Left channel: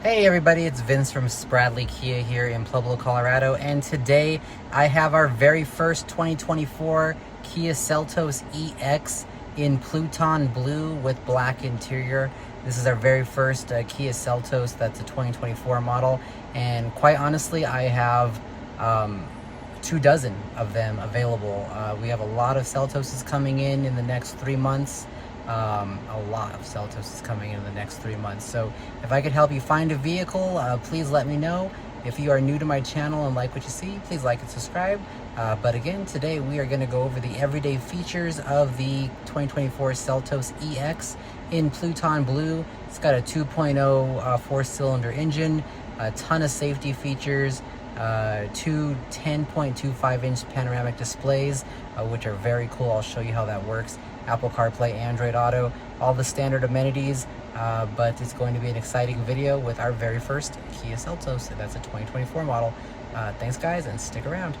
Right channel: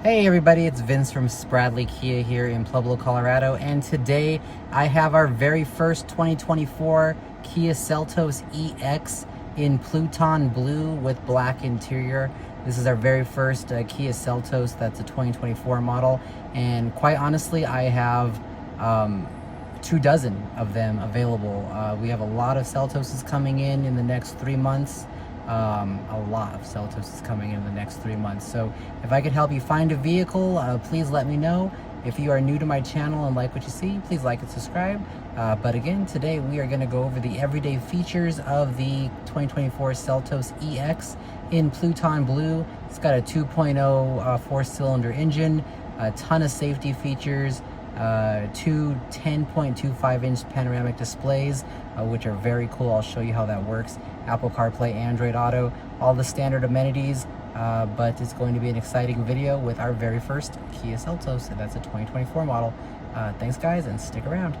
Hey everybody, it's Vince from Spradley Kia here in Pueblo, Colorado, and today I have our very first 2024 Kia Seltos EX in Pluton Blue with black interior. This is our very first Kia Seltos that's a 2024 model, and quite honestly I have 24 of them available. We have a lot of Seltoses coming in the next 3 months. A lot of Seltos is coming in the next 3 months. So if I could help you find a vehicle, please let me know. If you are new to my channel and like what you see, please like and subscribe. But again, today we are going to go over the everyday features of the 2024 Seltos EX in Pluton Blue. It's got a 2.0 four-cylinder engine, a ton of safety features, two 10.25-inch panoramic displays, which are very cool. I'll show you how that works. Apple CarPlay, Android Auto, all the standard amenities, but it's going to be an exciting video with our very first Kia Seltos, and that's a 2024 model. Thanks guys, and stick around.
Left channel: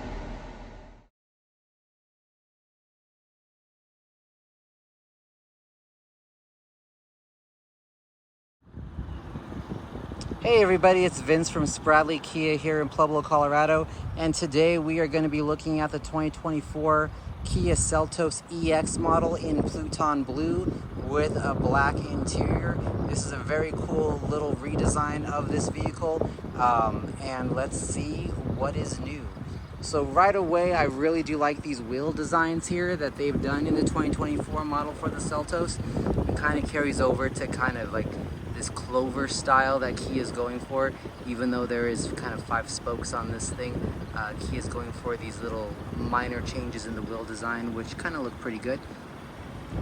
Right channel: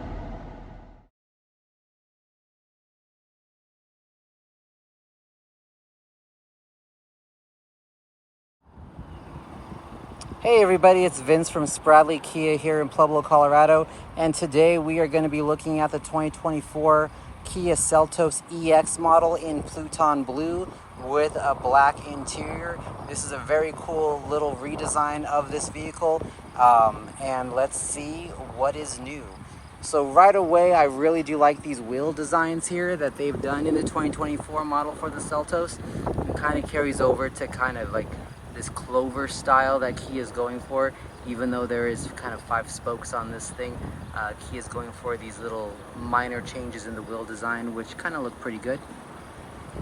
Hey everybody, it's Vince from Spradley Kia here in Pueblo, Colorado, and today we are going to be looking at the 2024 Kia Seltos EX model in Pluton Blue with a black interior. This is a very cool little redesign of this vehicle, and let's see what is new. So right away, I really do like these wheel designs here that they've done in the 2024 model for the Seltos. It kind of carries over to kind of like this clover style that Kia is going for. Even though there is kind of 5 spokes on this thing, Kia is going for these little minor changes in the wheel design, which kind of look pretty good.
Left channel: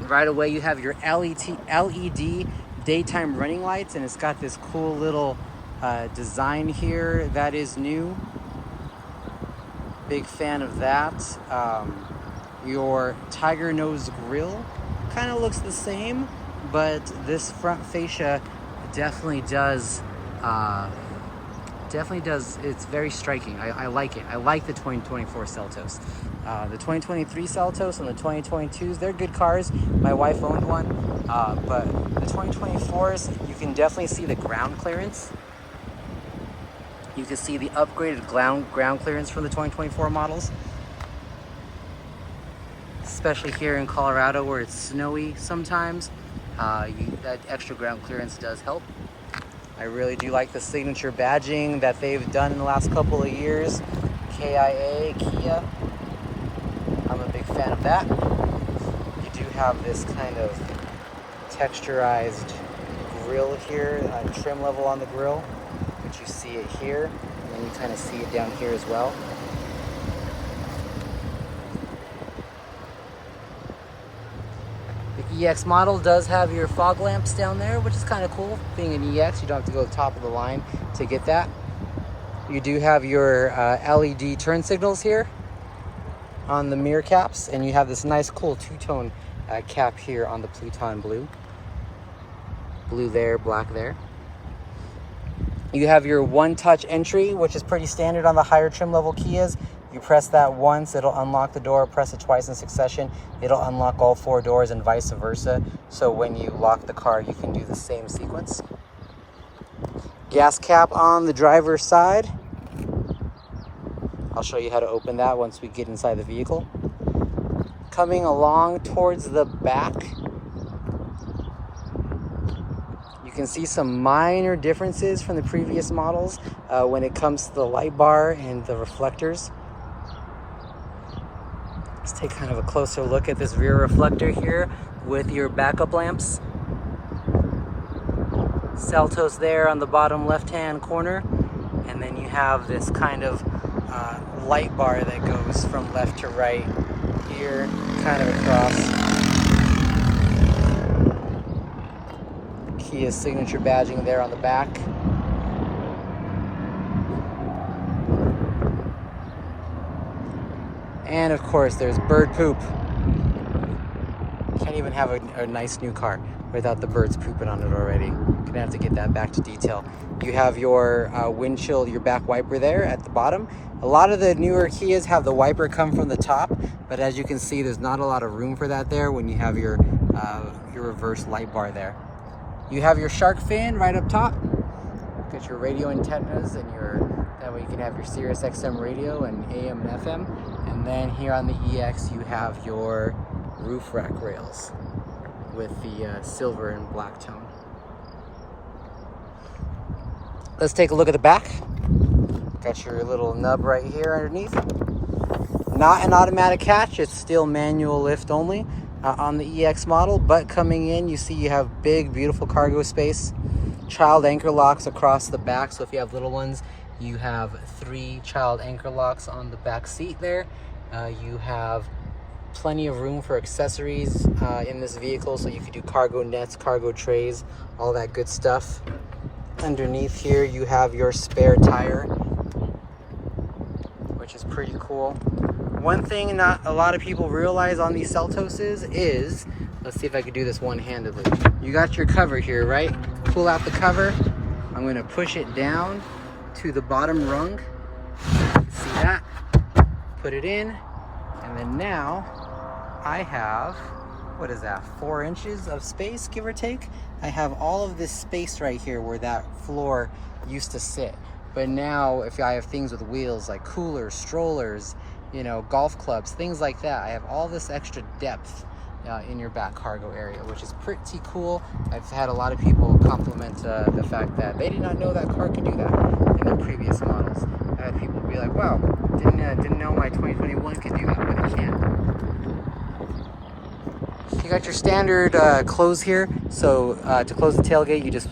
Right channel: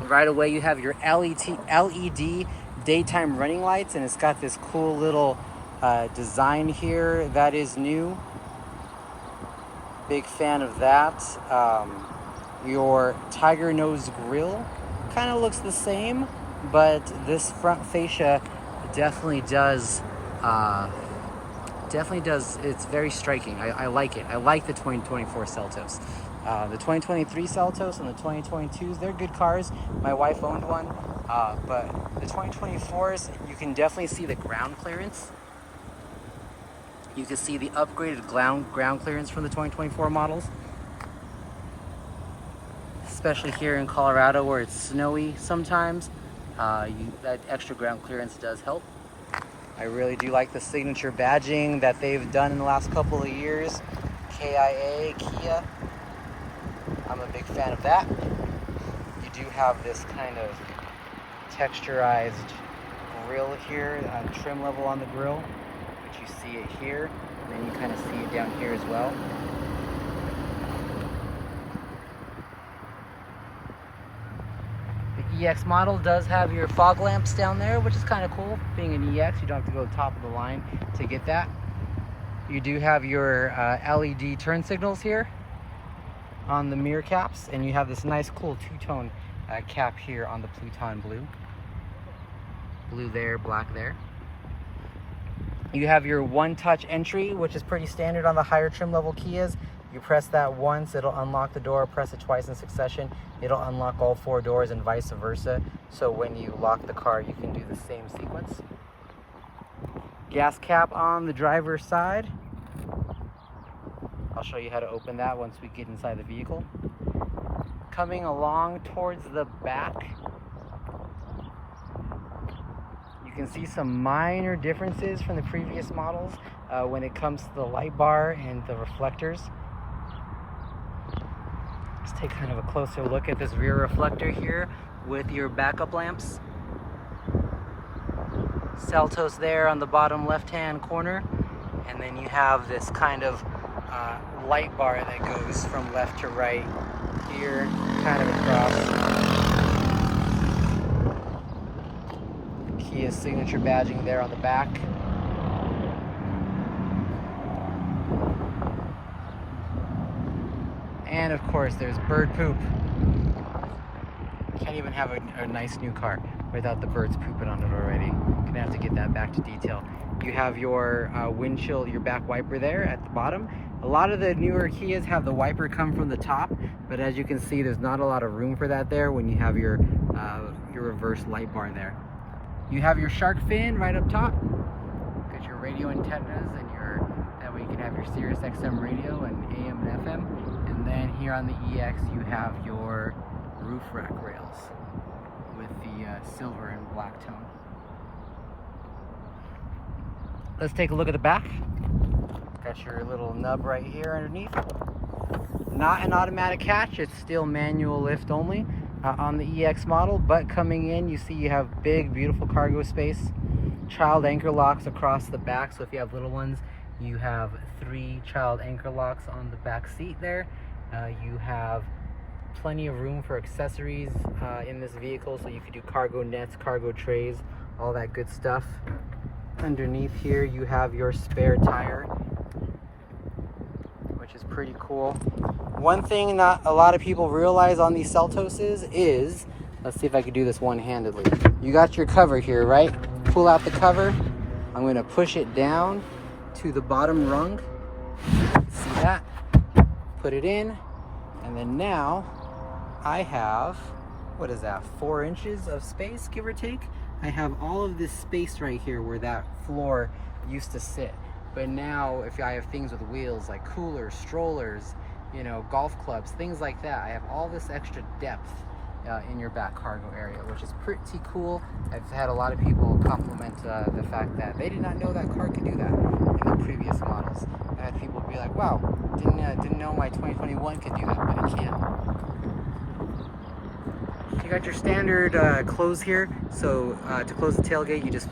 Right away, you have your LED daytime running lights, and it's got this cool little design here that is new. Big fan of that. Your tiger nose grille kind of looks the same, but this front fascia definitely does, it's very striking. I like it. I like the 2024 Seltos. The 2023 Seltos and the 2022s, they're good cars. My wife owned one, but the 2024s, you can definitely see the ground clearance. You can see the upgraded ground clearance from the 2024 models, especially here in Colorado where it's snowy sometimes. That extra ground clearance does help. I really do like the signature badging that they've done in the last couple of years. KIA, Kia. I'm a big fan of that. You do have this kind of texturized grille here, trim level on the grille, which you see it here, and then you kind of see it down here as well. The EX model does have your fog lamps down there, which is kind of cool. Being an EX, you don't have to go to the top of the line to get that. You do have your LED turn signals here on the mirror caps, and you have this nice cool two-tone cap here on the Pluton Blue. Blue there, black there. You have your one-touch entry, which is pretty standard on the higher trim level Kias. You press that once, it'll unlock the door. Press it twice in succession, it'll unlock all 4 doors, and vice versa. So when you lock the car, you can do the same sequence. Gas cap on the driver's side. I'll show you how to open that once we get inside the vehicle. Coming along towards the back, you can see some minor differences from the previous models when it comes to the light bar and the reflectors. Let's take kind of a closer look at this rear reflector here with your backup lamps. Seltos there on the bottom left-hand corner, and then you have this kind of light bar that goes from left to right here, kind of across. Kia signature badging there on the back. And of course, there's bird poop. Can't even have a nice new car without the birds pooping on it already. Gonna have to get that back to detail. You have your windshield, your back wiper there at the bottom. A lot of the newer Kias have the wiper come from the top, but as you can see, there's not a lot of room for that there when you have your reverse light bar there. You have your shark fin right up top. Got your radio antennas and that way you can have your Sirius XM radio and AM and FM. And then here on the EX you have your roof rack rails with the silver and black tone. Let's take a look at the back. Got your little nub right here underneath. Not an automatic catch, it's still manual lift only on the EX model, but coming in you see you have big beautiful cargo space. Child anchor locks across the back, so if you have little ones you have 3 child anchor locks on the back seat there. You have plenty of room for accessories in this vehicle, so you could do cargo nets, cargo trays, all that good stuff. Underneath here you have your spare tire, which is pretty cool. One thing not a lot of people realize on these Seltoses is, let's see if I can do this one-handedly. You got your cover here, right? Pull out the cover. I'm going to push it down to the bottom rung. See that? Put it in, and then now I have, what is that, 4 inches of space, give or take? I have all of this space right here where that floor used to sit. But now if I have things with wheels like coolers, strollers, you know, golf clubs, things like that, I have all this extra depth in your back cargo area, which is pretty cool. I've had a lot of people compliment the fact that they did not know that car could do that in the previous models. I had people be like, wow, didn't know my 2021 could do that, but it can. You got your standard close here. So to close the tailgate, you just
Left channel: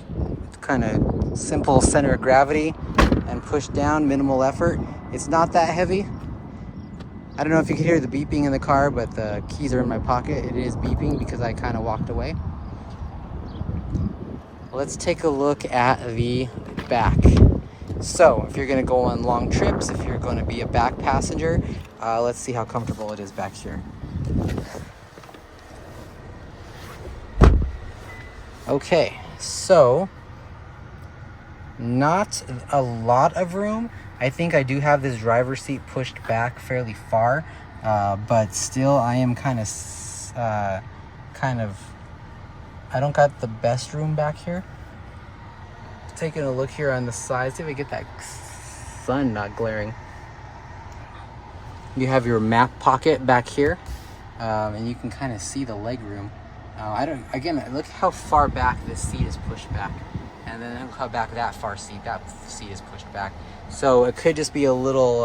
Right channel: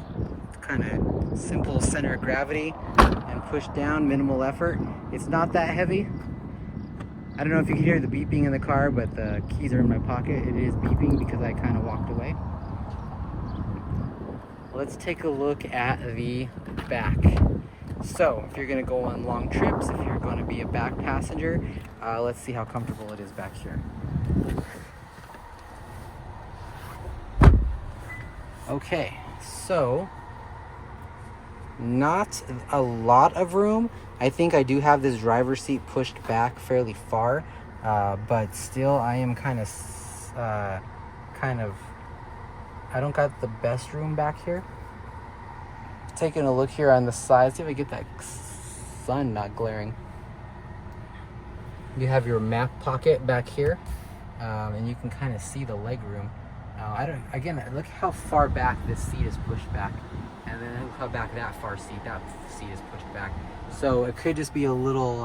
kind of simple center of gravity and push down, minimal effort. It's not that heavy. I don't know if you can hear the beeping in the car, but the keys are in my pocket. It is beeping because I kind of walked away. Let's take a look at the back. So if you're going to go on long trips, if you're going to be a back passenger, let's see how comfortable it is back here. Okay, so not a lot of room. I think I do have this driver's seat pushed back fairly far, but still I am kind of, I don't got the best room back here. Taking a look here on the side, see if I get that sun not glaring. You have your map pocket back here, and you can kind of see the leg room. Look how far back this seat is pushed back, and then look how back that seat is pushed back. So it could just be a little,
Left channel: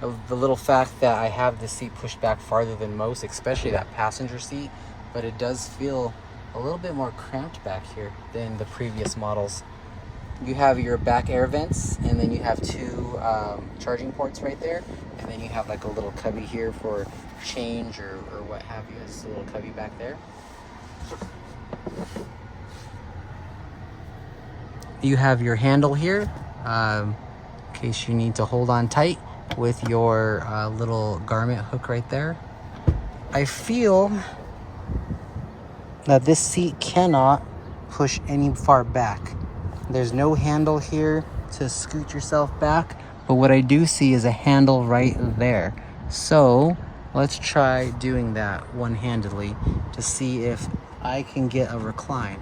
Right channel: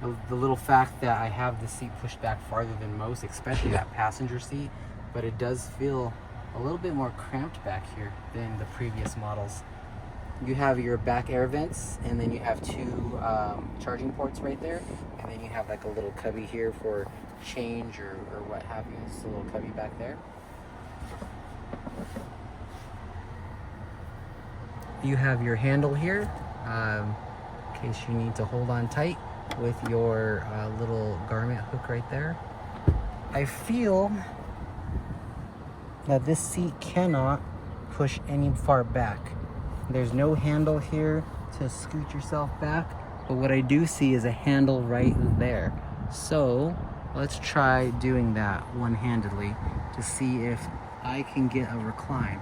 the little fact that I have the seat pushed back farther than most, especially that passenger seat, but it does feel a little bit more cramped back here than the previous models. You have your back air vents, and then you have 2 charging ports right there, and then you have like a little cubby here for change or what have you. It's a little cubby back there. You have your handle here, in case you need to hold on tight with your little garment hook right there. I feel that this seat cannot push any far back. There's no handle here to scoot yourself back, but what I do see is a handle right there. So let's try doing that one-handedly to see if I can get a recline.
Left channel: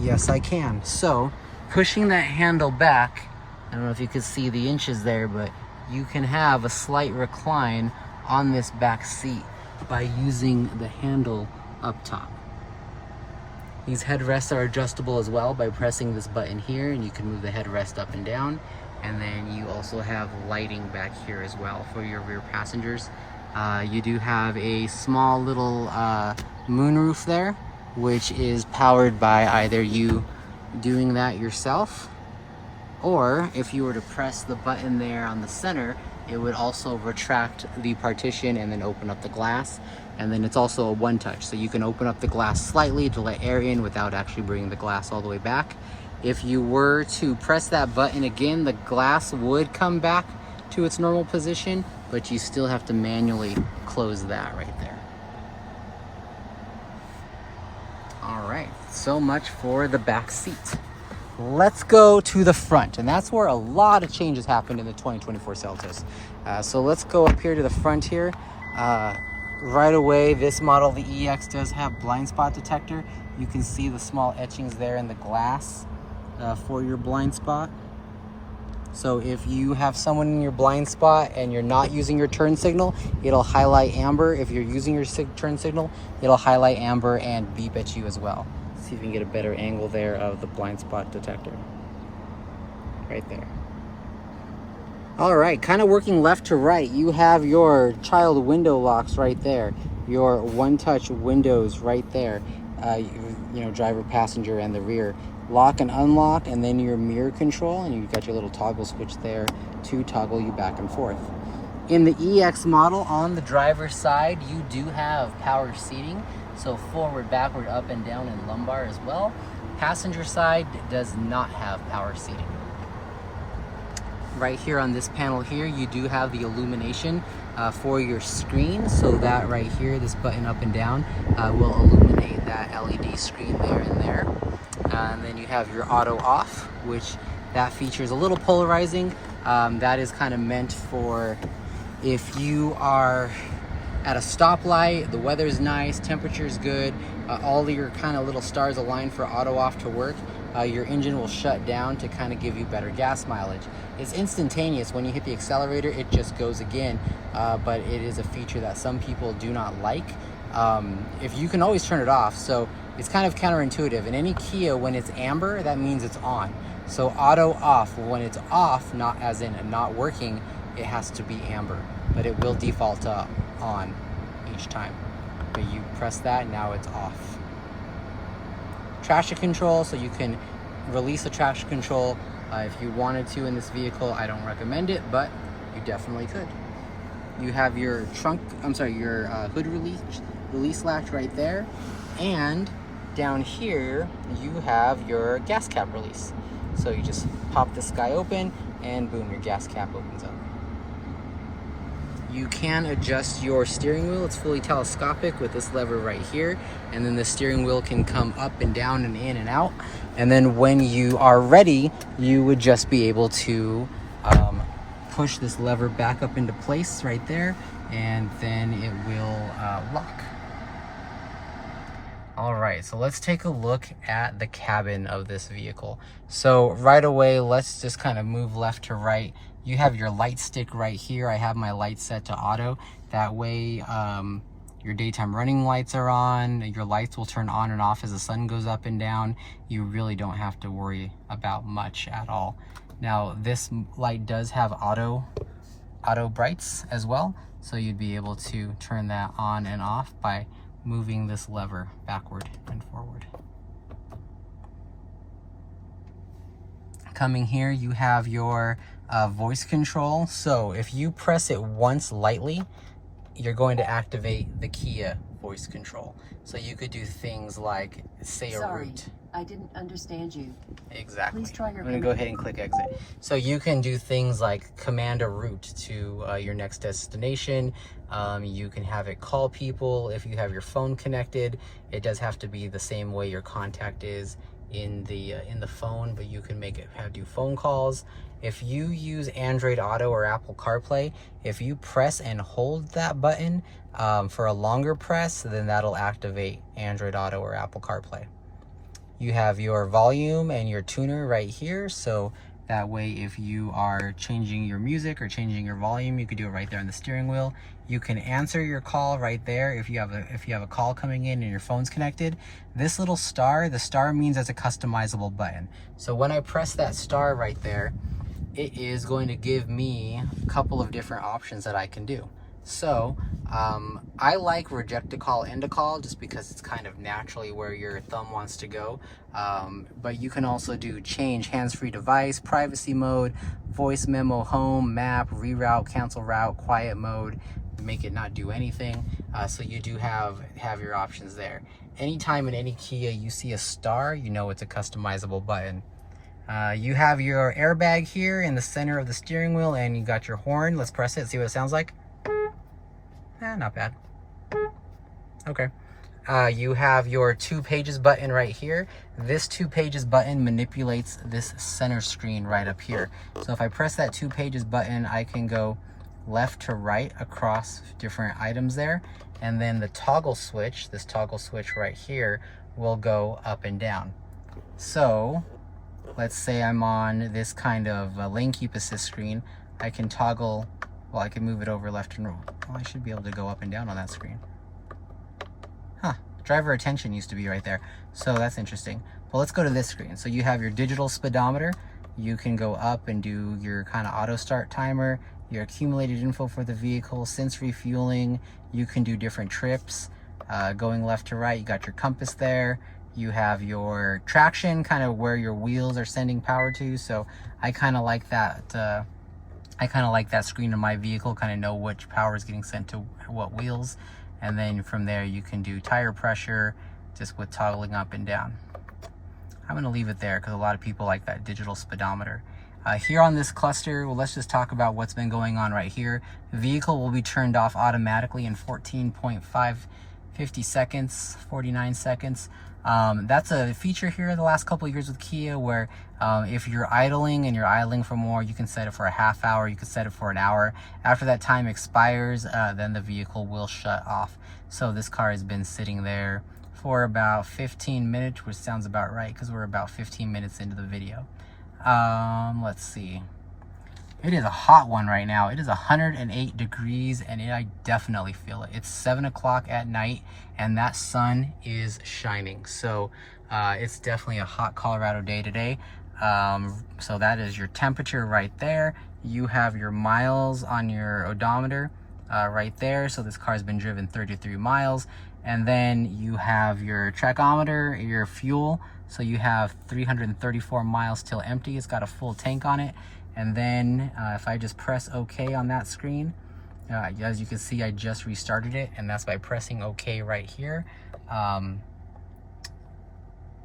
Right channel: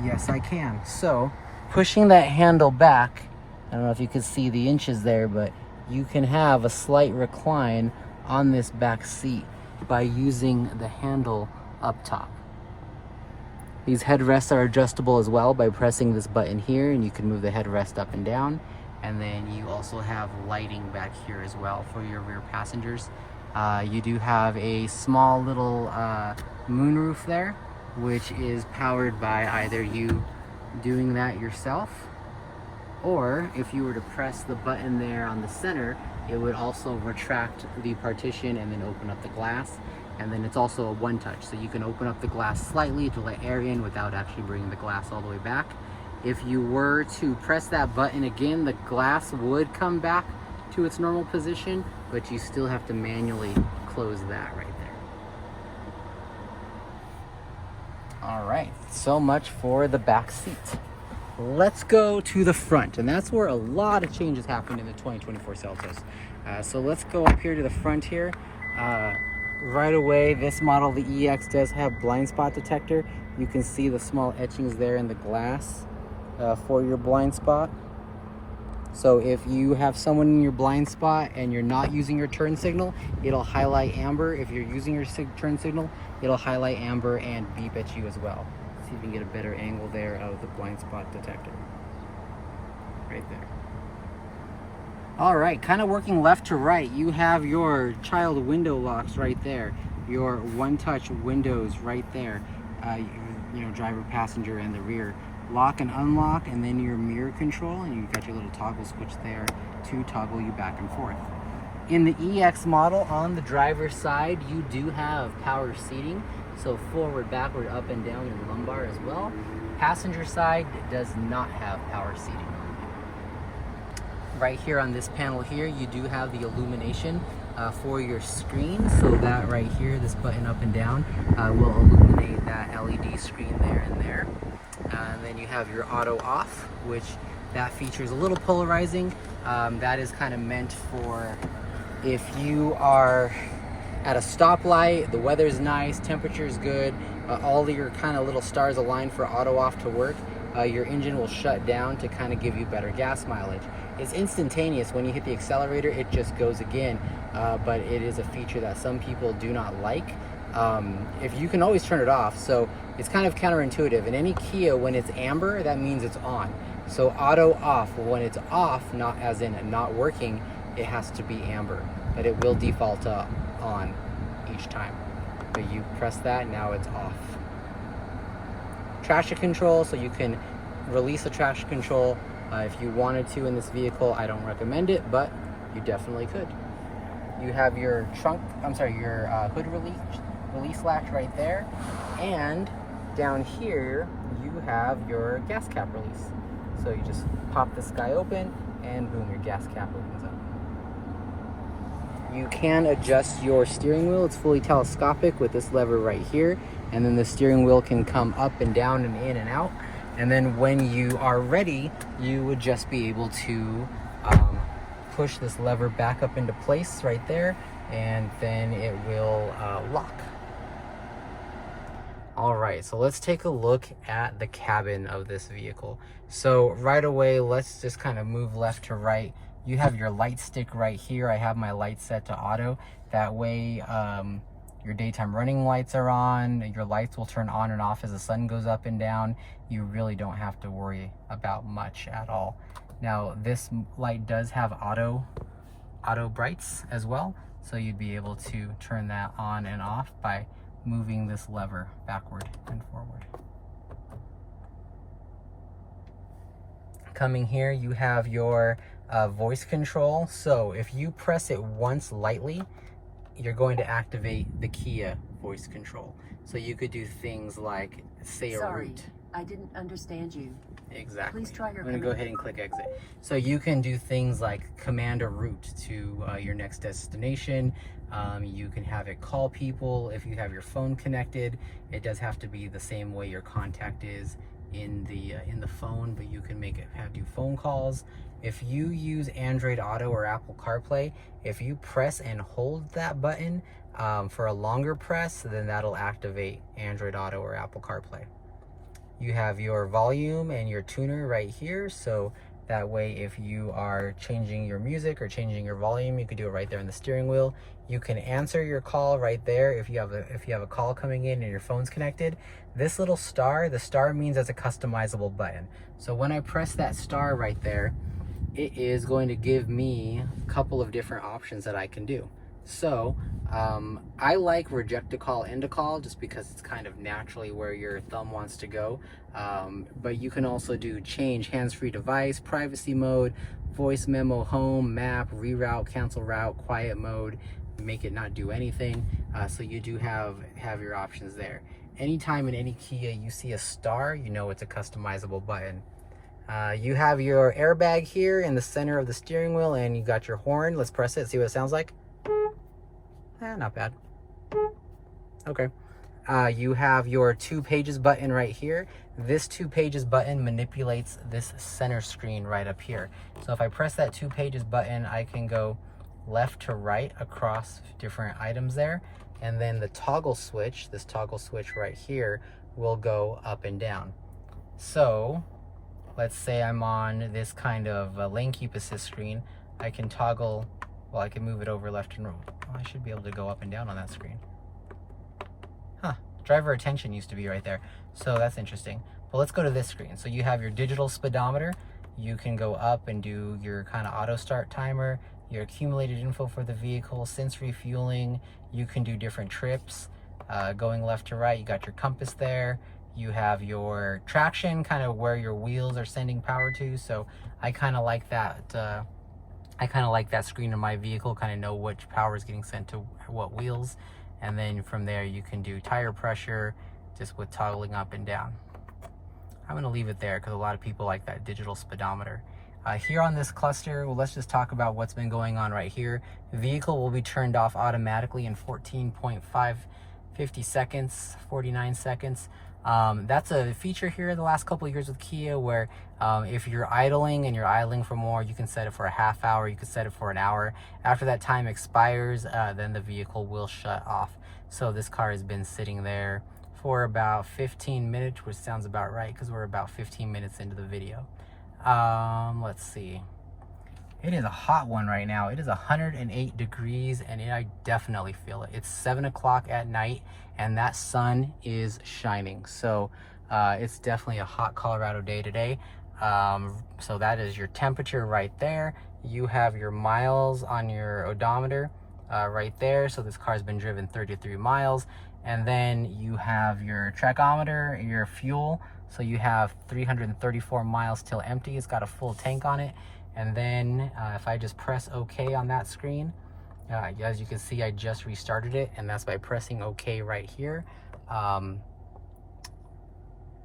Yes, I can. So pushing that handle back, I don't know if you could see the inches there, but you can have a slight recline on this back seat by using the handle up top. These headrests are adjustable as well by pressing this button here, and you can move the headrest up and down. And then you also have lighting back here as well for your rear passengers. You do have a small little moonroof there, which is powered by either you doing that yourself, or if you were to press the button there on the center, it would also retract the partition and then open up the glass. And then it's also a one touch, so you can open up the glass slightly to let air in without actually bringing the glass all the way back. If you were to press that button again, the glass would come back to its normal position, but you still have to manually close that right there. All right, so much for the back seat. Let's go to the front, and that's where a lot of changes happened in the 2024 Seltos. So let's go up here to the front here. Right away, this model, the EX, does have blind spot detector. You can see the small etchings there in the glass. for your blind spot. So if you have someone in your blind spot and you're not using your turn signal, it'll highlight amber. If you're using your turn signal, it'll highlight amber and beep at you as well. See if we can get a better angle there of the blind spot detector. Right there. All right, kind of working left to right, you have your child window locks right there. Your one-touch windows right there. You know, driver, passenger, and the rear. Lock and unlock, and then your mirror control, and you've got your little toggle switch there to toggle you back and forth. In the EX model, on the driver's side, you do have power seating, so forward, backward, up and down, and lumbar as well. Passenger side does not have power seating. Right here on this panel here, you do have the illumination for your screen, so that right here, this button up and down will illuminate that LED screen there and there. And then you have your auto off, which that feature is a little polarizing. That is kind of meant for if you are at a stoplight, the weather's nice, temperature's good, all your kind of little stars align for auto off to work. Your engine will shut down to kind of give you better gas mileage. It's instantaneous. When you hit the accelerator, it just goes again, but it is a feature that some people do not like. If you can always turn it off, so it's kind of counterintuitive. In any Kia, when it's amber, that means it's on. So auto off, when it's off, not as in not working, it has to be amber, but it will default on each time. But you press that, now it's off. Traction control, so you can release the traction control if you wanted to in this vehicle. I don't recommend it, but you definitely could. You have your your hood release latch right there, and down here you have your gas cap release. So you just pop this guy open and boom, your gas cap opens up. You can adjust your steering wheel. It's fully telescopic with this lever right here, and then the steering wheel can come up and down and in and out. And then when you are ready, you would just be able to push this lever back up into place right there, and then it will lock. All right, so let's take a look at the cabin of this vehicle. So right away, let's just kind of move left to right. You have your light stick right here. I have my light set to auto. That way your daytime running lights are on. Your lights will turn on and off as the sun goes up and down. You really don't have to worry about much at all. Now this light does have auto brights as well. So you'd be able to turn that on and off by moving this lever backward and forward. Coming here, you have your voice control. So if you press it once lightly, you're going to activate the Kia voice control. So you could do things like say a route. I didn't understand you. Exactly. Please try your. I'm going to go ahead and click exit. So you can do things like command a route to your next destination. You can have it call people if you have your phone connected. It does have to be the same way your contact is in the phone, but you can make it do phone calls. If you use Android Auto or Apple CarPlay, if you press and hold that button for a longer press, then that'll activate Android Auto or Apple CarPlay. You have your volume and your tuner right here, so that way if you are changing your music or changing your volume, you can do it right there on the steering wheel. You can answer your call right there if you have a call coming in and your phone's connected. This little star, the star means it's a customizable button. So when I press that star right there, it is going to give me a couple of different options that I can do. So I like reject a call, end a call, just because it's kind of naturally where your thumb wants to go. But you can also do change hands-free device, privacy mode, voice memo, home, map, reroute, cancel route, quiet mode, make it not do anything. So you do have your options there. Anytime in any Kia you see a star, you know it's a customizable button. You have your airbag here in the center of the steering wheel, and you got your horn. Let's press it, see what it sounds like. Not bad. Okay. You have your 2 pages button right here. This 2 pages button manipulates this center screen right up here. So if I press that 2 pages button, I can go left to right across different items there. And then the toggle switch, this toggle switch right here, will go up and down. So let's say I'm on this kind of lane keep assist screen, I can toggle, well, I can move it over left and right. Well, I should be able to go up and down on that screen. Huh, driver attention used to be right there. So that's interesting. Well, let's go to this screen. So you have your digital speedometer. You can go up and do your kind of auto start timer, your accumulated info for the vehicle, since refueling. You can do different trips, going left to right. You got your compass there. You have your traction, kind of where your wheels are sending power to. So I kind of like that. I kind of like that screen in my vehicle, kind of know which power is getting sent to what wheels. And then from there you can do tire pressure just with toggling up and down. I'm gonna leave it there because a lot of people like that digital speedometer. Here on this cluster, well, let's just talk about what's been going on right here. The vehicle will be turned off automatically in 14.50 seconds, 49 seconds. That's a feature here the last couple of years with Kia where if you're idling and you're idling for more, you can set it for a half hour, you can set it for an hour. After that time expires, then the vehicle will shut off. So this car has been sitting there for about 15 minutes, which sounds about right because we're about 15 minutes into the video. Let's see. It is a hot one right now. It is 108 degrees and I definitely feel it. It's 7 o'clock at night and that sun is shining. So it's definitely a hot Colorado day today. So that is your temperature right there. You have your miles on your odometer right there. So this car has been driven 33 miles. And then you have your tachometer, your fuel. So you have 334 miles till empty. It's got a full tank on it. And then if I just press OK on that screen, as you can see, I just restarted it, and that's by pressing OK right here.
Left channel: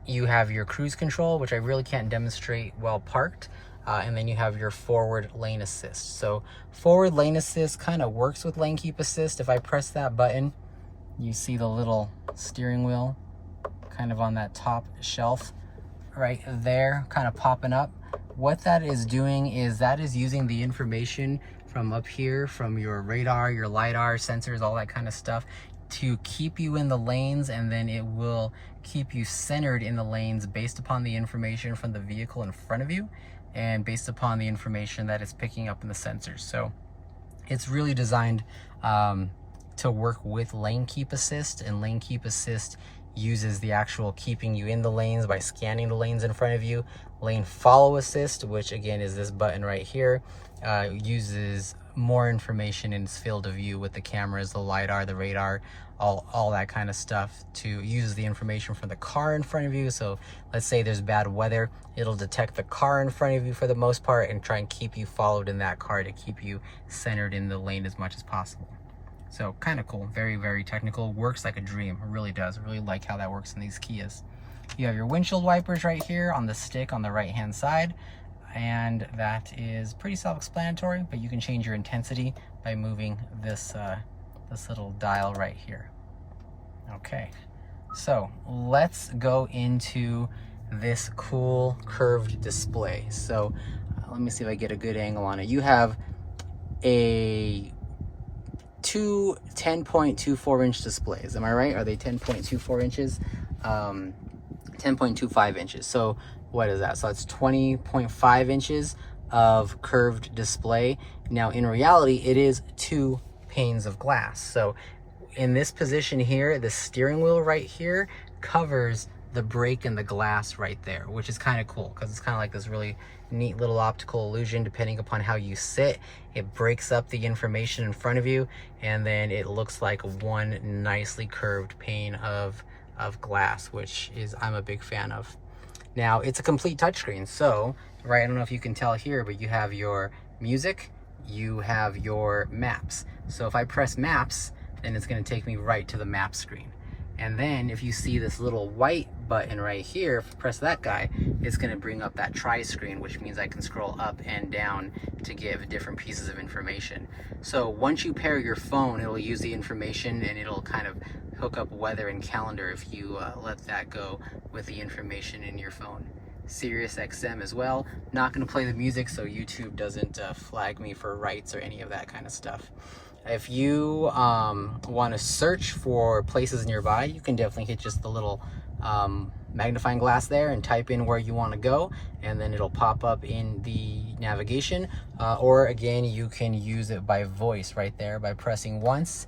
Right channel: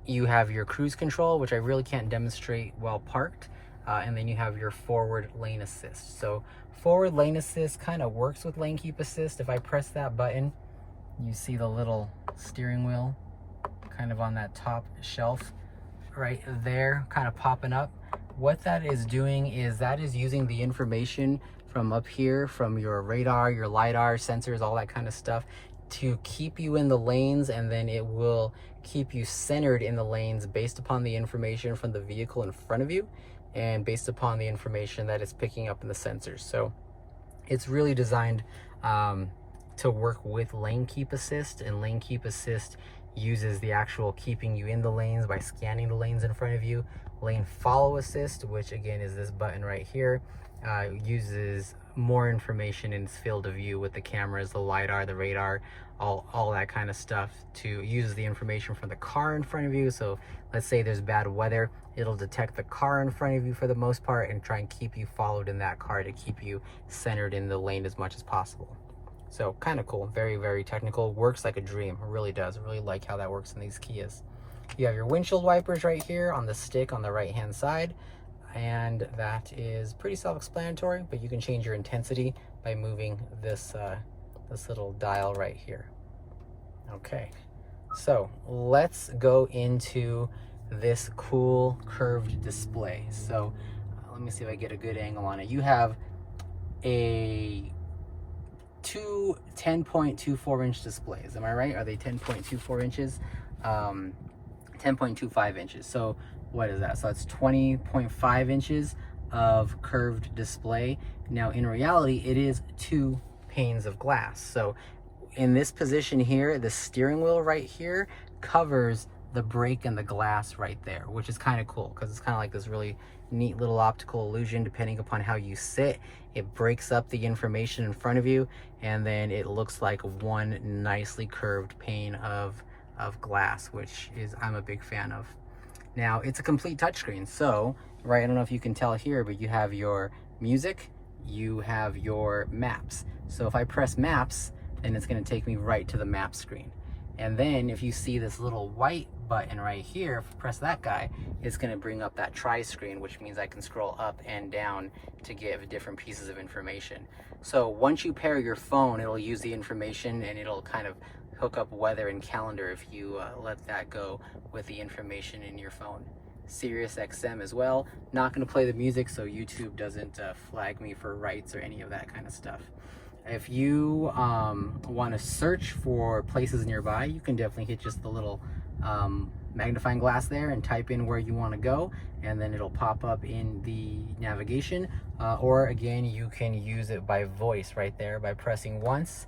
You have your cruise control, which I really can't demonstrate while parked. And then you have your forward lane assist. So forward lane assist kind of works with lane keep assist. If I press that button, you see the little steering wheel kind of on that top shelf right there, kind of popping up. What that is doing is that is using the information from up here, from your radar, your LiDAR, sensors, all that kind of stuff, to keep you in the lanes, and then it will keep you centered in the lanes based upon the information from the vehicle in front of you and based upon the information that it's picking up in the sensors. So it's really designed to work with lane keep assist, and lane keep assist uses the actual keeping you in the lanes by scanning the lanes in front of you. Lane follow assist, which again is this button right here, uses more information in its field of view with the cameras, the LiDAR, the radar, all that kind of stuff, to use the information from the car in front of you. So let's say there's bad weather, it'll detect the car in front of you for the most part and try and keep you followed in that car to keep you centered in the lane as much as possible. So kind of cool, very, very technical, works like a dream. It really does. I really like how that works in these Kias. You have your windshield wipers right here on the stick on the right hand side, and that is pretty self-explanatory, but you can change your intensity by moving this this little dial right here. Okay, so let's go into this cool curved display. So let me see if I get a good angle on it. You have two 10.24 inch displays. Am I right? Are they 10.24 inches? 10.25 inches. So what is that? So that's 20.5 inches of curved display. Now in reality, it is 2 panes of glass. So in this position here, the steering wheel right here covers the brake and the glass right there, which is kind of cool because it's kind of like this really neat little optical illusion. Depending upon how you sit, it breaks up the information in front of you, and then it looks like one nicely curved pane of glass, which is I'm a big fan of. Now it's a complete touchscreen, so right, I don't know if you can tell here, but you have your music, you have your maps. So if I press maps, then it's going to take me right to the map screen. And then if you see this little white button right here, if I press that guy, it's going to bring up that tri-screen, which means I can scroll up and down to give different pieces of information. So once you pair your phone, it'll use the information and it'll kind of hook up weather and calendar if you let that go with the information in your phone. Sirius XM as well. Not going to play the music so YouTube doesn't flag me for rights or any of that kind of stuff. If you want to search for places nearby, you can definitely hit just the little magnifying glass there and type in where you want to go, and then it'll pop up in the navigation. Or again, you can use it by voice right there by pressing once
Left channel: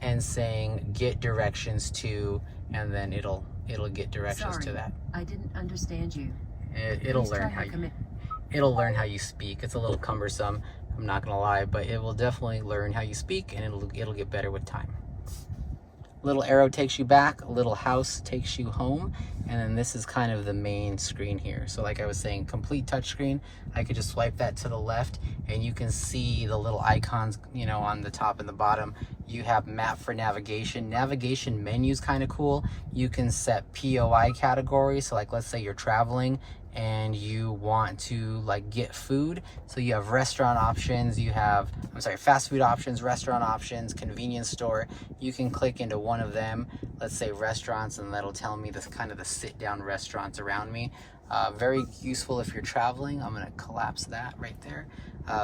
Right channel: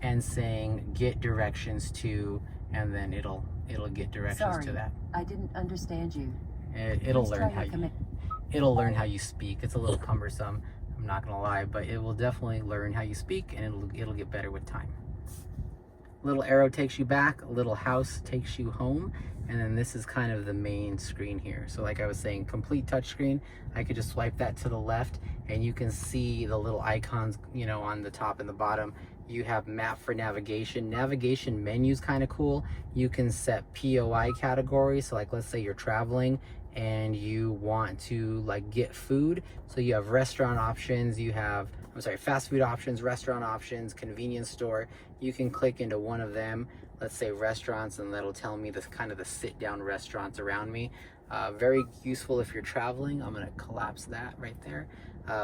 and saying get directions to, and then it'll get directions Sorry, to that. I didn't understand you. It'll Please learn try how to you it'll learn how you speak. It's a little cumbersome, I'm not gonna lie, but it will definitely learn how you speak, and it'll get better with time. Little arrow takes you back, a little house takes you home, and then this is kind of the main screen here. So like I was saying, complete touchscreen. I could just swipe that to the left and you can see the little icons, you know, on the top and the bottom. You have map for navigation. Navigation menu's kind of cool. You can set POI categories. So like, let's say you're traveling and you want to like get food. So you have restaurant options, you have, fast food options, restaurant options, convenience store. You can click into one of them, let's say restaurants, and that'll tell me this kind of the sit down restaurants around me. Very useful if you're traveling. I'm gonna collapse that right there.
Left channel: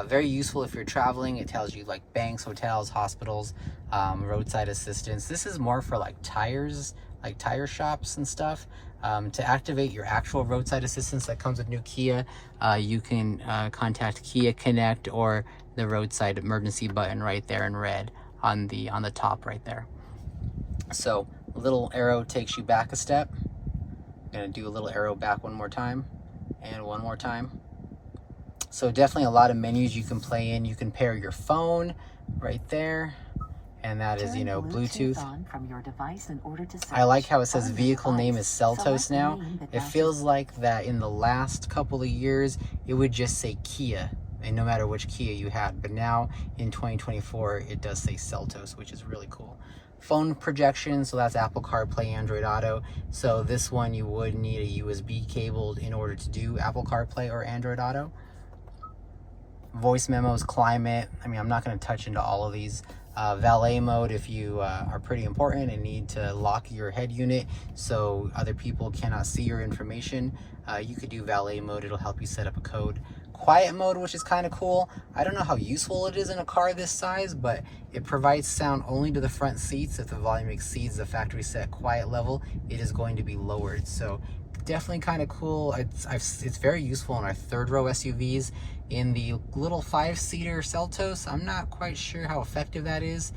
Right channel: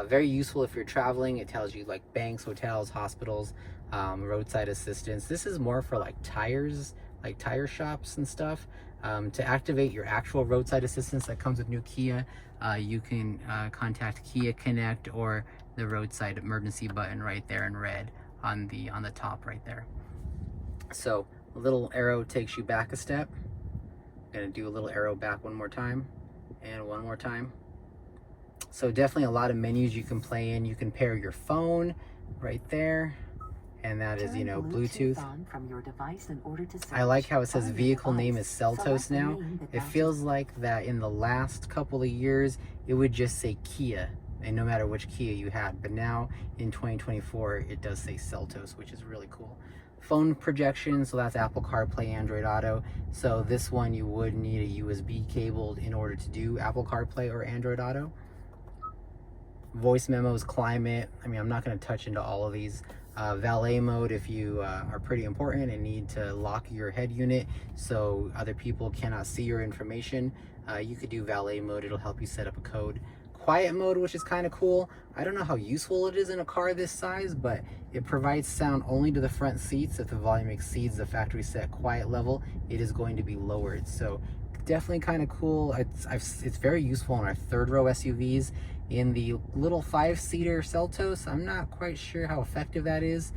Very useful if you're traveling. It tells you like banks, hotels, hospitals, roadside assistance. This is more for like tires, like tire shops and stuff. To activate your actual roadside assistance that comes with new Kia, you can contact Kia Connect or the roadside emergency button right there in red on the top right there. So a little arrow takes you back a step. I'm gonna do a little arrow back one more time and one more time. So definitely a lot of menus you can play in. You can pair your phone right there, and that is, you know, Bluetooth. From your device in order to I like how it says vehicle name is Seltos now. It feels like that in the last couple of years, it would just say Kia, and no matter which Kia you had. But now in 2024, it does say Seltos, which is really cool. Phone projection, so that's Apple CarPlay, Android Auto. So this one you would need a USB cable in order to do Apple CarPlay or Android Auto. Voice memos, climate. I mean, I'm not going to touch into all of these. Valet mode, if you are pretty important and need to lock your head unit so other people cannot see your information, you could do valet mode. It'll help you set up a code. Quiet mode, which is kind of cool. I don't know how useful it is in a car this size, but it provides sound only to the front seats. If the volume exceeds the factory set quiet level, it is going to be lowered. So definitely kind of cool. It's very useful in our third row SUVs. In the little 5-seater Seltos, I'm not quite sure how effective that is,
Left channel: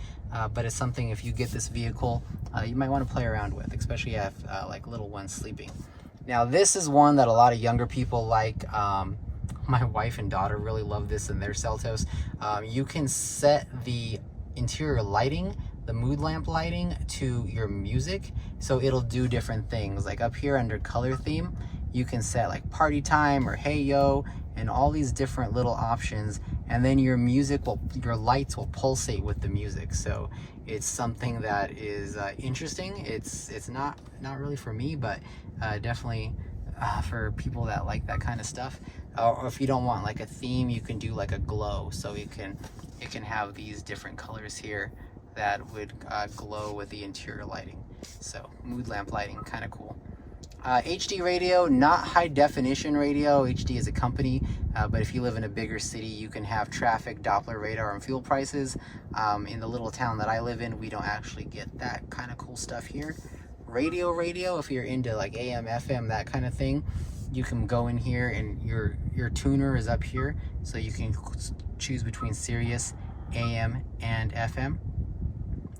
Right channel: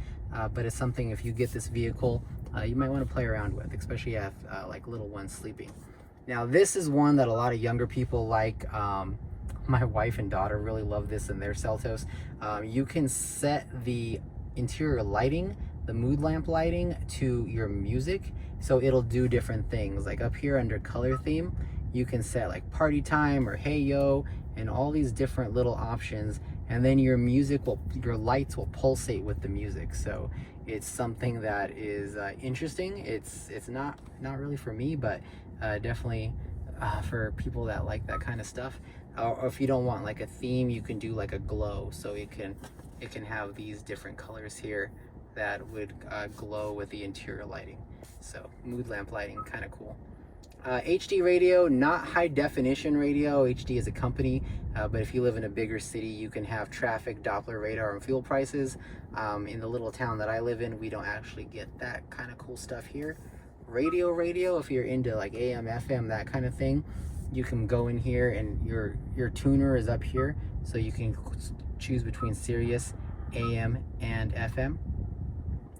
but it's something, if you get this vehicle, you might want to play around with, especially if like little ones sleeping. Now this is one that a lot of younger people like. My wife and daughter really love this in their Seltos. You can set the interior lighting, the mood lamp lighting, to your music, so it'll do different things. Like up here under color theme, you can set like party time or hey yo, and all these different little options, and then your lights will pulsate with the music. So it's something that is interesting. It's not really for me, but definitely for people that like that kind of stuff. Or if you don't want like a theme, you can do like a glow, so it can have these different colors here that would glow with the interior lighting. So mood lamp lighting, kind of cool. HD radio, not high definition radio. HD is a company, but if you live in a bigger city, you can have traffic, Doppler radar, and fuel prices. In the little town that I live in, we don't actually get that kind of cool stuff here. Radio, if you're into like AM, FM, that kind of thing, you can go in here and your tuner is up here, so you can choose between Sirius, AM, and FM.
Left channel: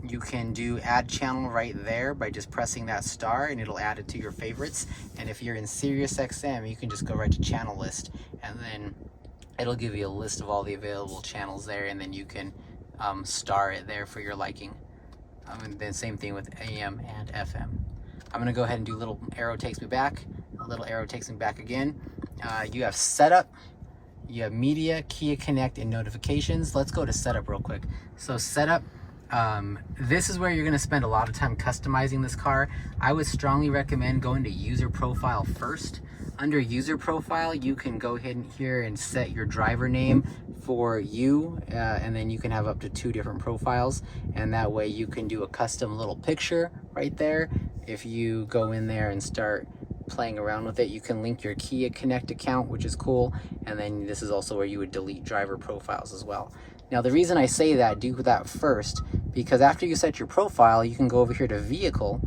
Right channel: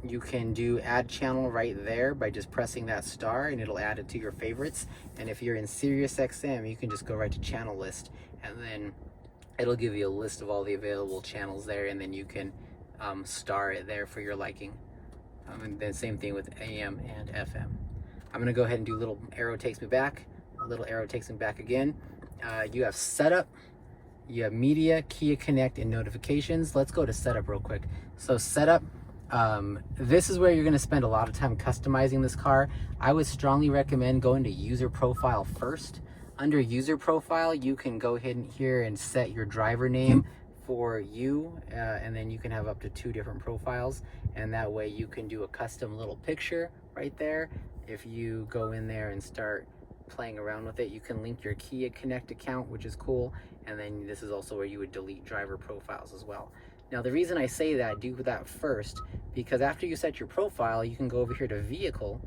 You can do add channel right there by just pressing that star, and it'll add it to your favorites. And if you're in Sirius XM, you can just go right to channel list, and then it'll give you a list of all the available channels there, and then you can star it there for your liking. And then same thing with AM and FM. I'm gonna go ahead and do a little arrow takes me back, a little arrow takes me back again. You have setup, you have media, Kia Connect, and notifications. Let's go to setup real quick. So setup, this is where you're going to spend a lot of time customizing this car. I would strongly recommend going to user profile first. Under user profile, you can go ahead and here and set your driver name for you, and then you can have up to 2 different profiles, and that way you can do a custom little picture right there. If you go in there and start playing around with it, you can link your Kia Connect account, which is cool, and then this is also where you would delete driver profiles as well. Now the reason I say that, do that first, because after you set your profile, you can go over here to vehicle,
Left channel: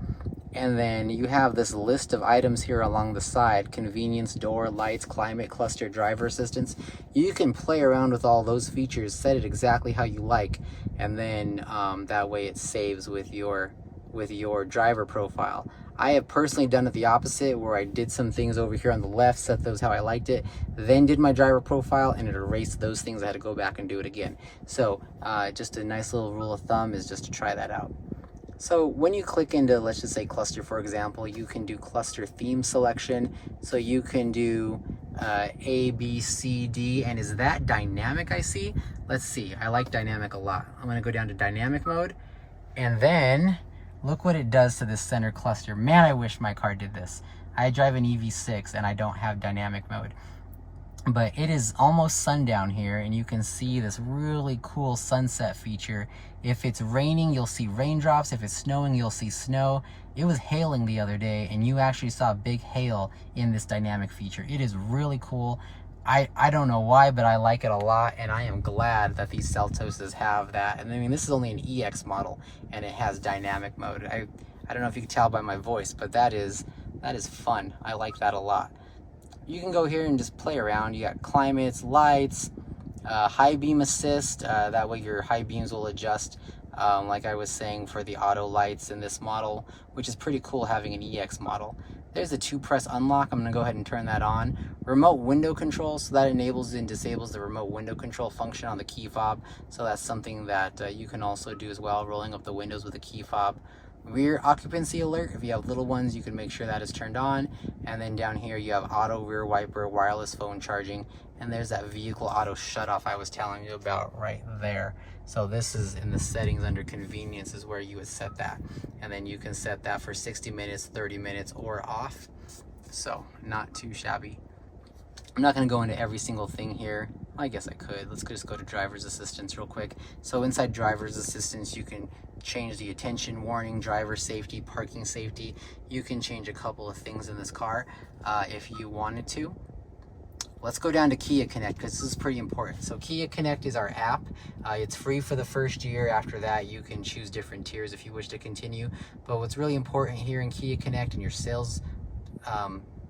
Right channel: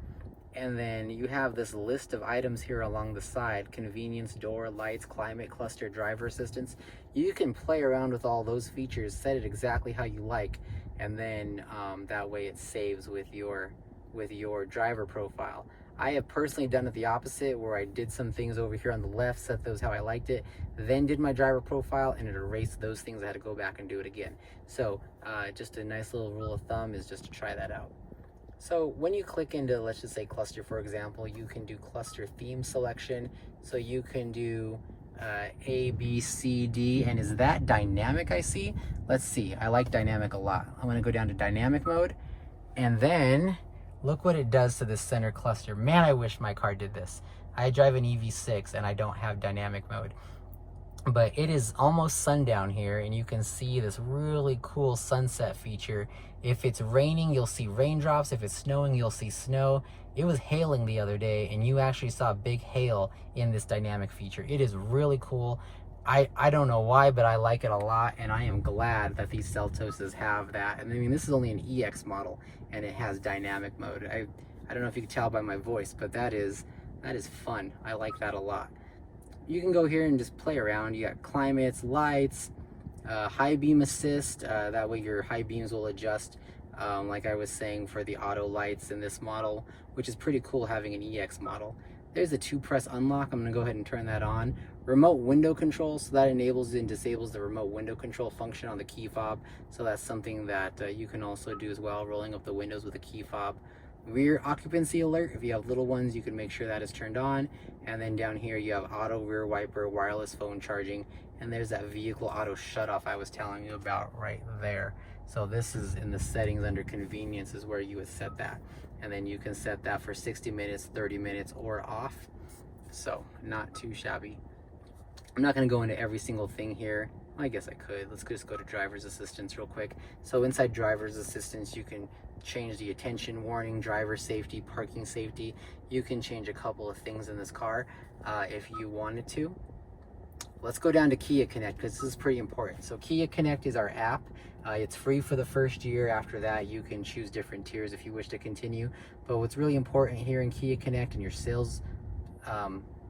And then you have this list of items here along the side: convenience, door, lights, climate, cluster, driver assistance. You can play around with all those features, set it exactly how you like, and then that way it saves with your driver profile. I have personally done it the opposite, where I did some things over here on the left, set those how I liked it, then did my driver profile, and it erased those things. I had to go back and do it again. So just a nice little rule of thumb is just to try that out. So when you click into, let's just say cluster, for example, you can do cluster theme selection. So you can do A, B, C, D, and is that dynamic I see? Let's see, I like dynamic a lot. I'm gonna go down to dynamic mode, and then look what it does to this center cluster. Man, I wish my car did this. I drive an EV6 and I don't have dynamic mode. But it is almost sundown here, and you can see this really cool sunset feature. If it's raining, you'll see raindrops. If it's snowing, you'll see snow. It was hailing the other day, and you actually saw big hail in this dynamic feature. It is really cool. I don't know why, but I like it a lot, and I am glad that these Seltoses have that. And I mean, this is only an EX model, and it has dynamic mode. I don't know if you can tell by my voice, but that is fun. I like that a lot. You can go here and just play around. You got climates, lights, high beam assist. That way your high beams will adjust, like I was saying, for the auto lights in this model, which is pretty cool having an EX model. There's a 2-press unlock. I'm gonna go ahead and turn that on. Remote window control, so that enables and disables the remote window control function on the key fob. So that's something that you can also do as well, rolling up the windows with a key fob. Rear occupancy alert, if you have little ones, you can make sure that is turned on. And then down here you have auto rear wiper, wireless phone charging, and there's that vehicle auto shut off I was telling you about right there. So this is in the settings under convenience is where you would set that, and then you can set that for 60 minutes, 30 minutes, or off. So not too shabby. I'm not going to go into every single thing here. I guess I could. Let's just go to driver's assistance real quick. So inside driver's assistance, you can change the attention warning, driver safety, parking safety. You can change a couple of things in this car if you wanted to. Let's go down to Kia Connect, because this is pretty important. So Kia Connect is our app. It's free for the first year. After that, you can choose different tiers if you wish to continue. But what's really important here in Kia Connect, and your sales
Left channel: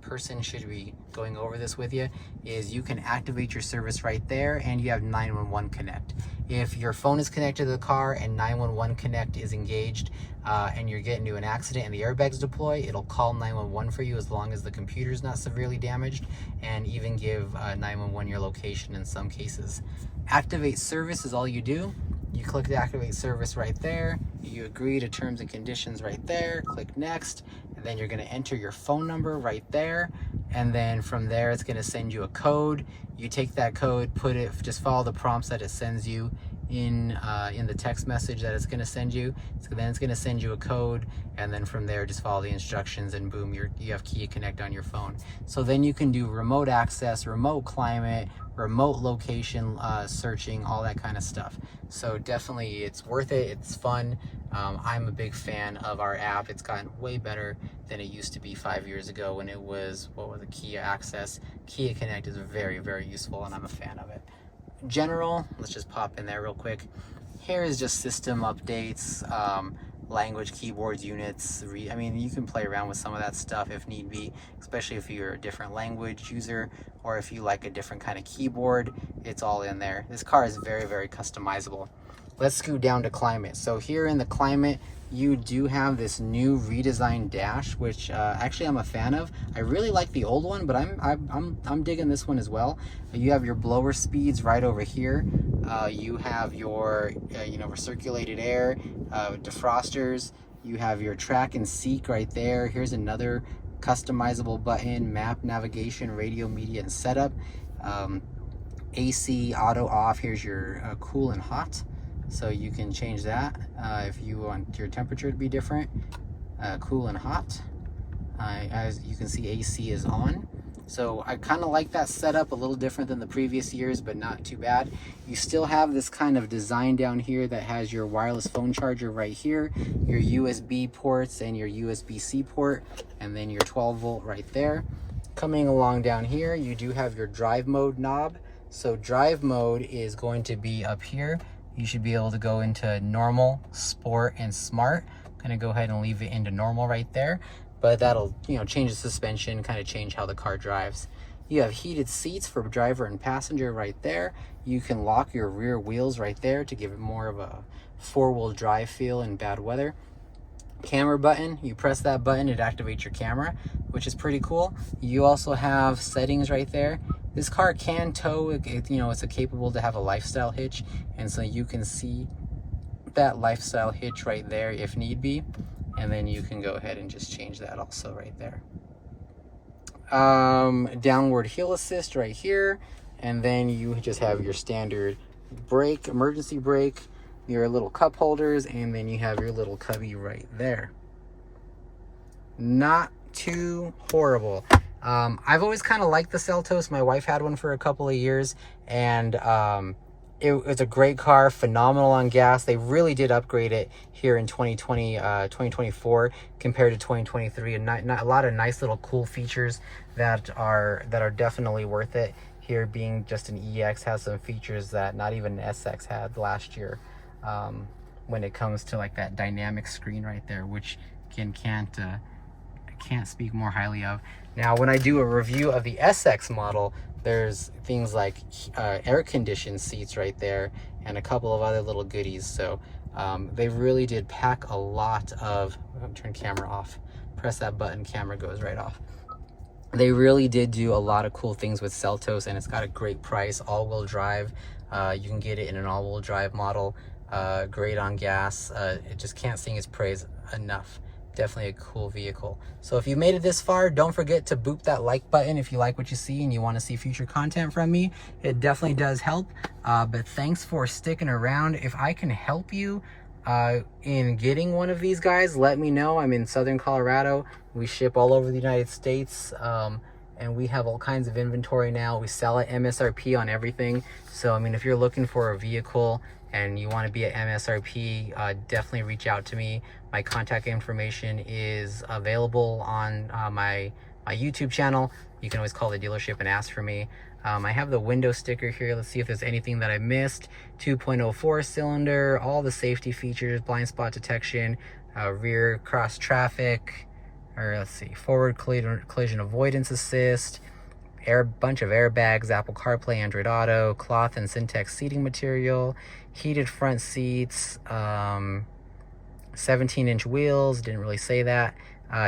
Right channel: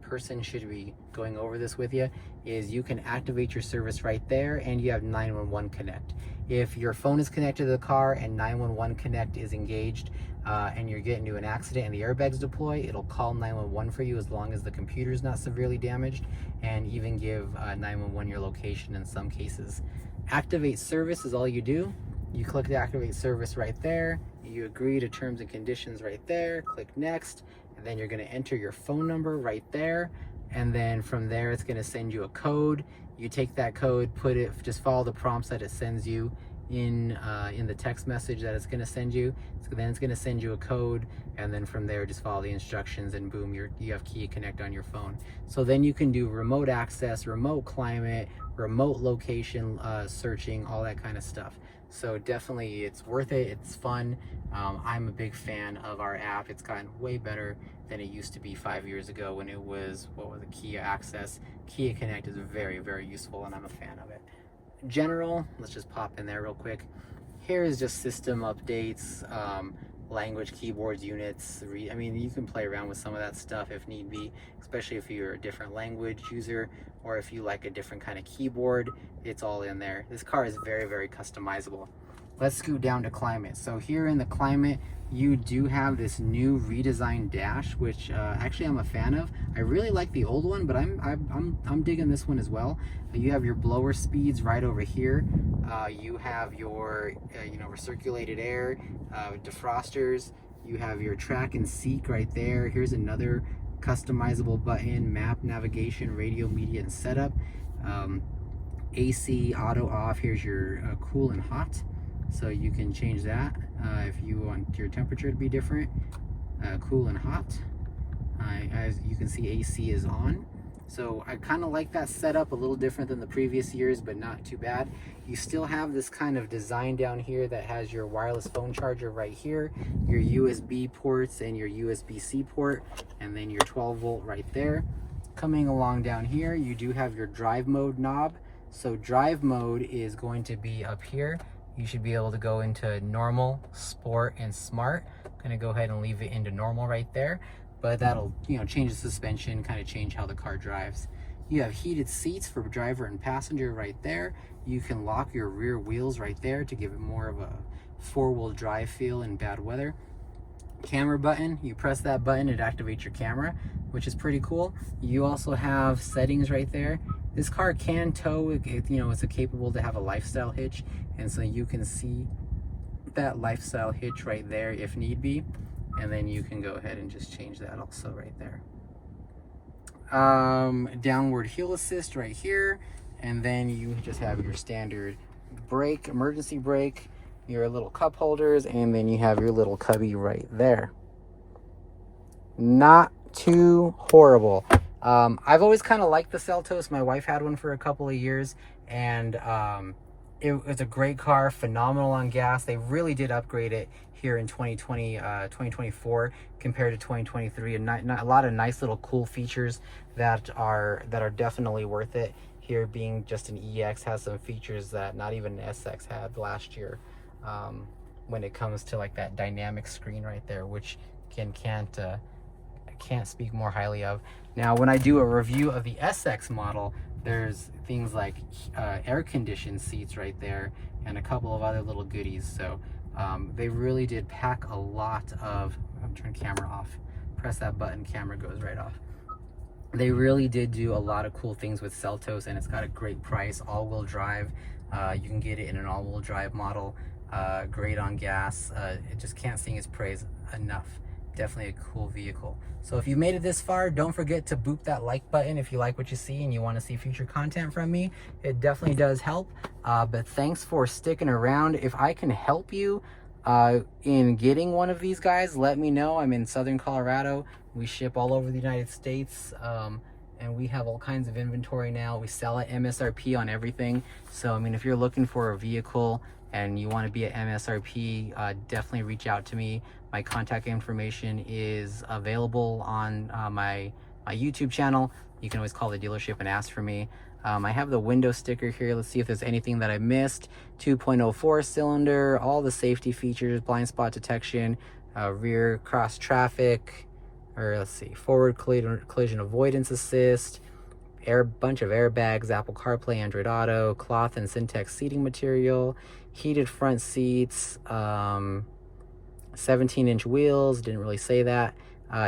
person should be going over this with you, is you can activate your service right there, and you have 911 Connect. If your phone is connected to the car and 911 Connect is engaged, and you're getting into an accident and the airbags deploy, it'll call 911 for you as long as the computer's not severely damaged, and even give 911 your location in some cases. Activate service is all you do. You click the activate service right there, you agree to terms and conditions right there, click next, and then you're going to enter your phone number right there, and then from there it's going to send you a code. You take that code, just follow the prompts that it sends you in the text message that it's going to send you. So then it's going to send you a code, and then from there just follow the instructions, and boom, you have Kia Connect on your phone. So then you can do remote access, remote climate, remote location searching, all that kind of stuff. So definitely it's worth it. It's fun. I'm a big fan of our app. It's gotten way better than it used to be 5 years ago when it was, Kia Access. Kia Connect is very, very useful, and I'm a fan of it. General, let's just pop in there real quick. Here is just system updates, language, keyboards, units. I mean, you can play around with some of that stuff if need be, especially if you're a different language user, or if you like a different kind of keyboard. It's all in there. This car is very, very customizable. Let's scoot down to climate. So here in the climate, you do have this new redesigned dash, which actually I'm a fan of. I really like the old one, but I'm digging this one as well. You have your blower speeds right over here. You have your recirculated air, defrosters. You have your track and seek right there. Here's another customizable button: map, navigation, radio, media, and setup. AC auto off. Here's your cool and hot. So you can change that if you want your temperature to be different, cool and hot. As you can see, AC is on. So I kind of like that setup, a little different than the previous years, but not too bad. You still have this kind of design down here that has your wireless phone charger right here, your USB ports and your USB-C port, and then your 12 volt right there. Coming along down here, you do have your drive mode knob. So drive mode is going to be up here. You should be able to go into normal, sport, and smart. Gonna go ahead and leave it into normal right there, but that'll, you know, change the suspension, kind of change how the car drives. You have heated seats for driver and passenger right there. You can lock your rear wheels right there to give it more of a four-wheel drive feel in bad weather. Camera button, you press that button, it activates your camera, which is pretty cool. You also have settings right there. This car can tow, you know, it's capable to have a lifestyle hitch, and so you can see that lifestyle hitch right there if need be, and then you can go ahead and just change that also right there. Downward hill assist right here, and then you just have your standard brake, emergency brake, your little cup holders, and then you have your little cubby right there. Not too horrible. I've always kind of liked the Seltos. My wife had one for a couple of years, and it's a great car, phenomenal on gas. They really did upgrade it here in 2024 compared to 2023, and a lot of nice little cool features that are definitely worth it. Here being just an EX has some features that not even an SX had last year, when it comes to like that dynamic screen right there, which can't speak more highly of. Now, when I do a review of the SX model, there's things like air-conditioned seats right there and a couple of other little goodies. So they really did pack a lot of, turn camera off, press that button, camera goes right off. They really did do a lot of cool things with Seltos, and it's got a great price, all-wheel drive. You can get it in an all-wheel drive model, great on gas. It just can't sing its praise enough. Definitely a cool vehicle. So if you made it this far, don't forget to boop that like button if you like what you see and you want to see future content from me. It definitely does help. But thanks for sticking around. If I can help you in getting one of these guys, let me know. I'm in Southern Colorado. We ship all over the United States, and we have all kinds of inventory now. We sell at MSRP on everything. So I mean, if you're looking for a vehicle and you want to be at MSRP, definitely reach out to me. My contact information is available on my YouTube channel. You can always call the dealership and ask for me. I have the window sticker here. Let's see if there's anything that I missed. 2.04 cylinder, all the safety features, blind spot detection, rear cross traffic, or let's see, forward collision avoidance assist, bunch of airbags, Apple CarPlay, Android Auto, cloth and Syntex seating material, heated front seats, 17-inch wheels, didn't really say that.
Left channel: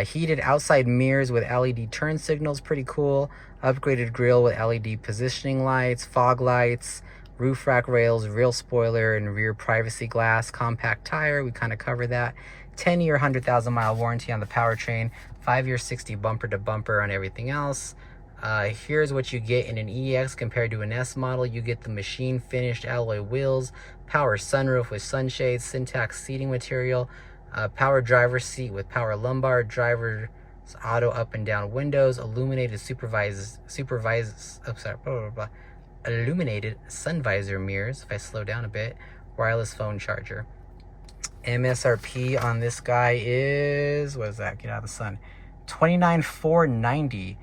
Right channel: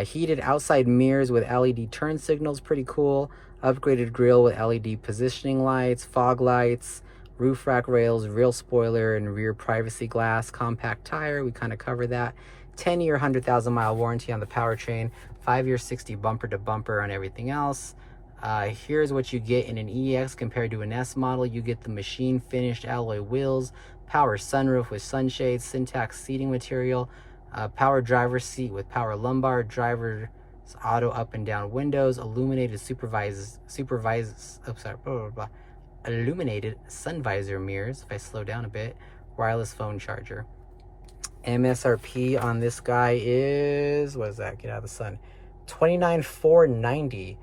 Heated outside mirrors with LED turn signals, pretty cool. Upgraded grille with LED positioning lights, fog lights, roof rack rails, rear spoiler, and rear privacy glass. Compact tire, we kind of covered that. 10-year, 100,000-mile warranty on the powertrain. 5-year, 60 bumper to bumper on everything else. Here's what you get in an EX compared to an S model. You get the machine finished alloy wheels, power sunroof with sunshades, Syntax seating material, power driver's seat with power lumbar, driver's auto up and down windows, illuminated illuminated sun visor mirrors, if I slow down a bit, wireless phone charger. MSRP on this guy is, what is that? Get out of the sun. $29,490.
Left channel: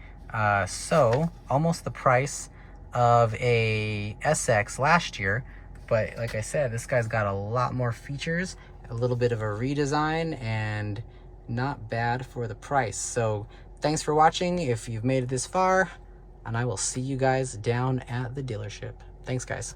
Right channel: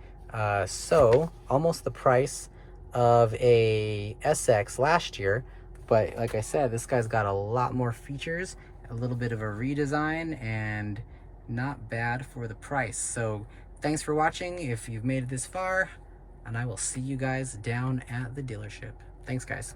So almost the price of a SX last year, but like I said, this guy's got a lot more features, a little bit of a redesign, and not bad for the price. So thanks for watching if you've made it this far, and I will see you guys down at the dealership. Thanks, guys.